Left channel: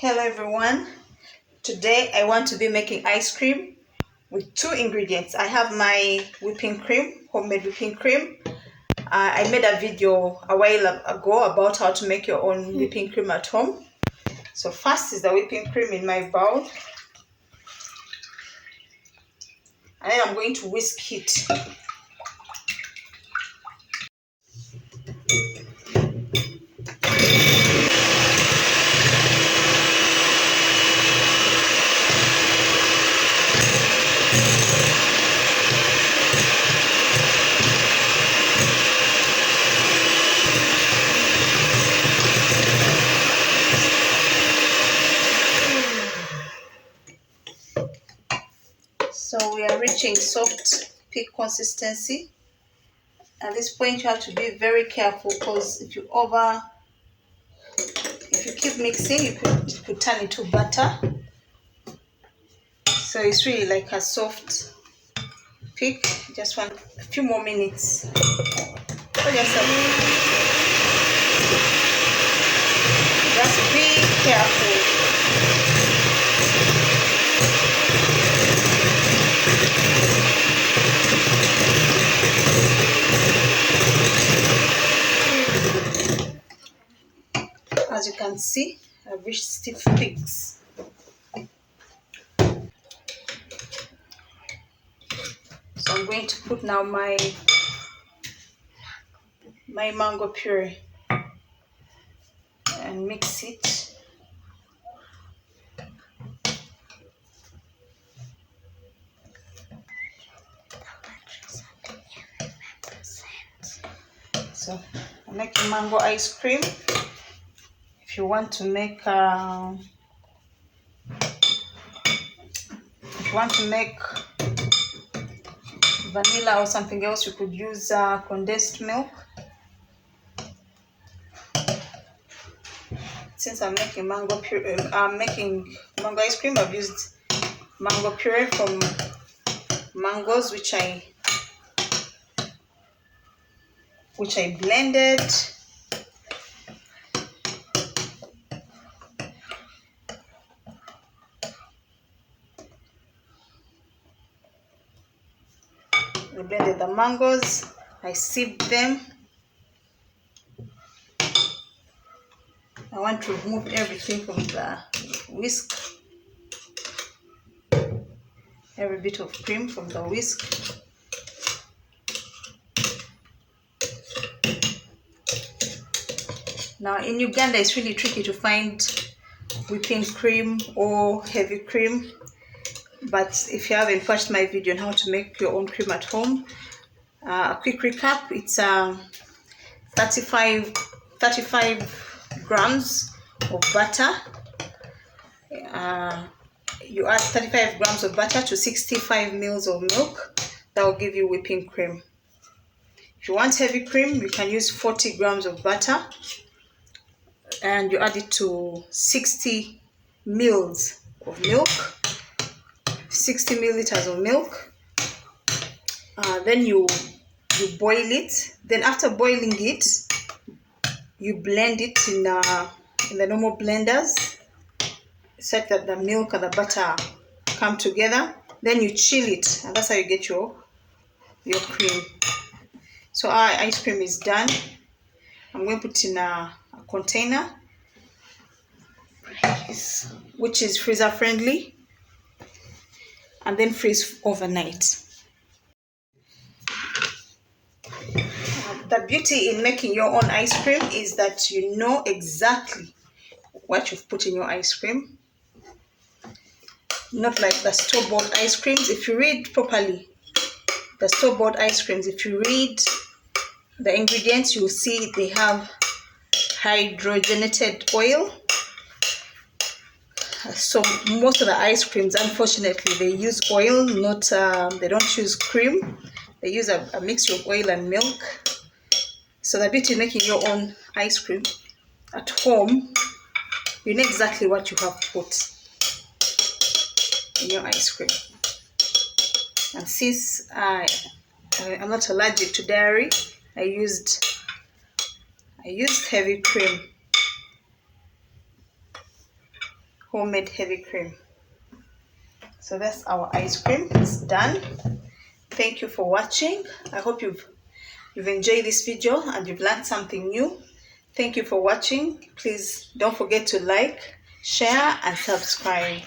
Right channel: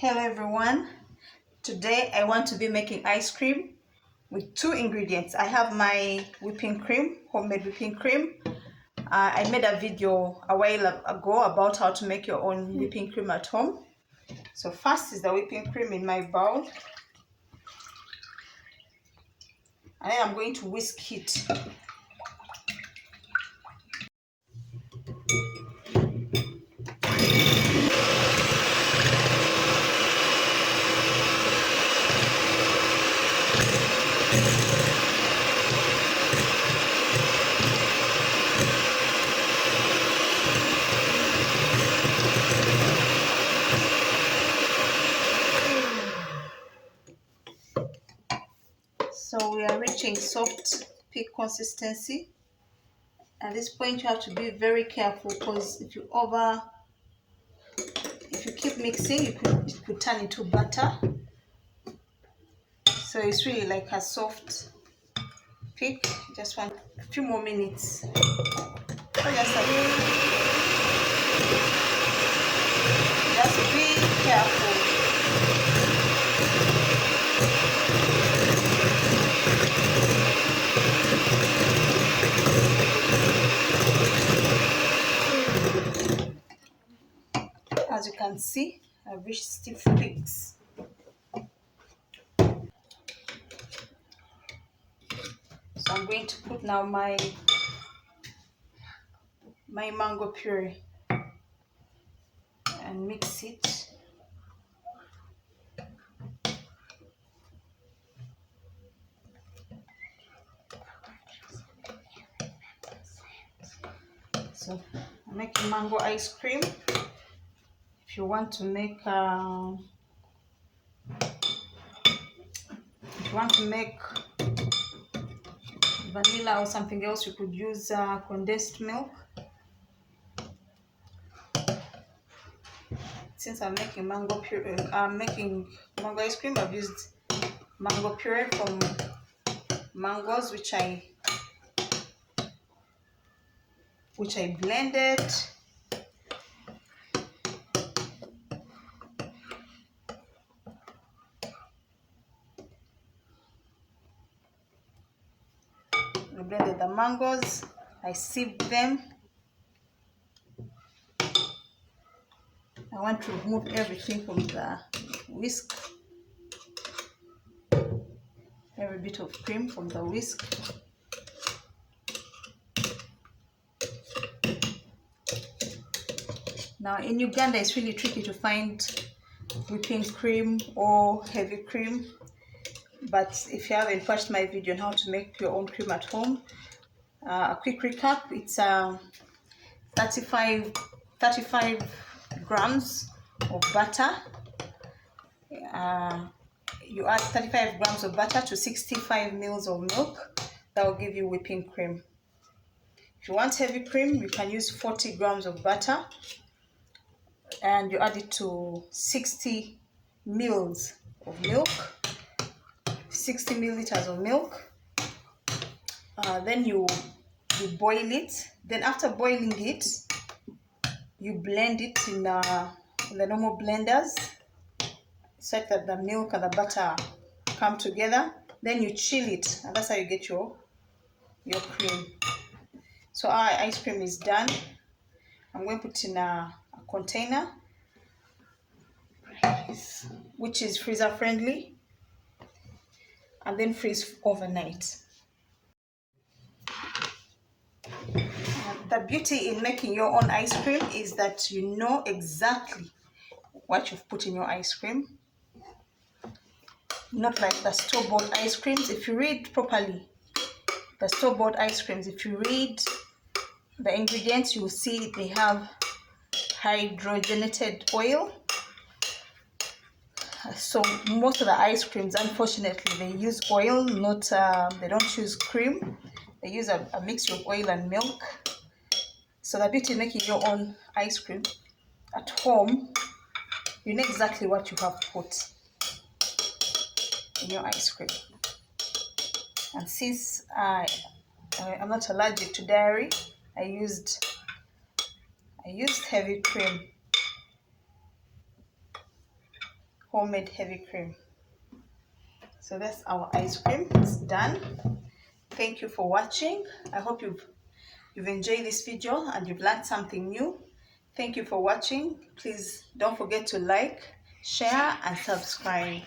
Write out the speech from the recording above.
Hello everyone. Today I want to be making ice cream with two ingredients. I have my whipping cream, homemade whipping cream. I made a video a while ago about how to make your own whipping cream at home. So first is the whipping cream in my bowl. And then I'm going to whisk it. So we are reaching soft peak consistency. At this point you have to be very careful because if you keep mixing, it could turn into butter. So it's really like a soft peak. Just want a few more minutes. Just be careful. As you can see, I've reached stiff peaks. So I'm going to put now my mango puree and mix it. So I'm making mango ice cream. If you want to make vanilla or something else, you could use condensed milk. Since I'm making mango puree, making mango ice cream, I've used mango puree from mangoes which I blended. I blended the mangoes, I sieved them. I want to remove everything from the whisk, every bit of cream from the whisk. Now in Uganda it's really tricky to find whipping cream or heavy cream, but if you haven't watched my video on how to make your own cream at home, a quick recap: it's 35 grams of butter. You add 35 grams of butter to 65 mils of milk. That will give you whipping cream. If you want heavy cream, you can use 40 grams of butter and you add it to 60 mils of milk, 60 milliliters of milk. Then you boil it. Then after boiling it, you blend it in the normal blenders, such that the milk and the butter come together. Then you chill it, and that's how you get your cream. So our ice cream is done. I'm going to put in a container which is freezer friendly, and then freeze overnight. The beauty in making your own ice cream is that you know exactly what you've put in your ice cream. Not like the store-bought ice creams. If you read properly, the store-bought ice creams, if you read the ingredients, you will see they have hydrogenated oil. So most of the ice creams, unfortunately, they use oil, not they don't use cream. They use a mixture of oil and milk. So the beauty of making your own ice cream at home, you know exactly what you have put in your ice cream. And since I'm not allergic to dairy, I used heavy cream. homemade heavy cream. So that's our ice cream. It's done. Thank you for watching. I hope you've enjoyed this video and you've learned something new. Thank you for watching. Please don't forget to like, share and subscribe.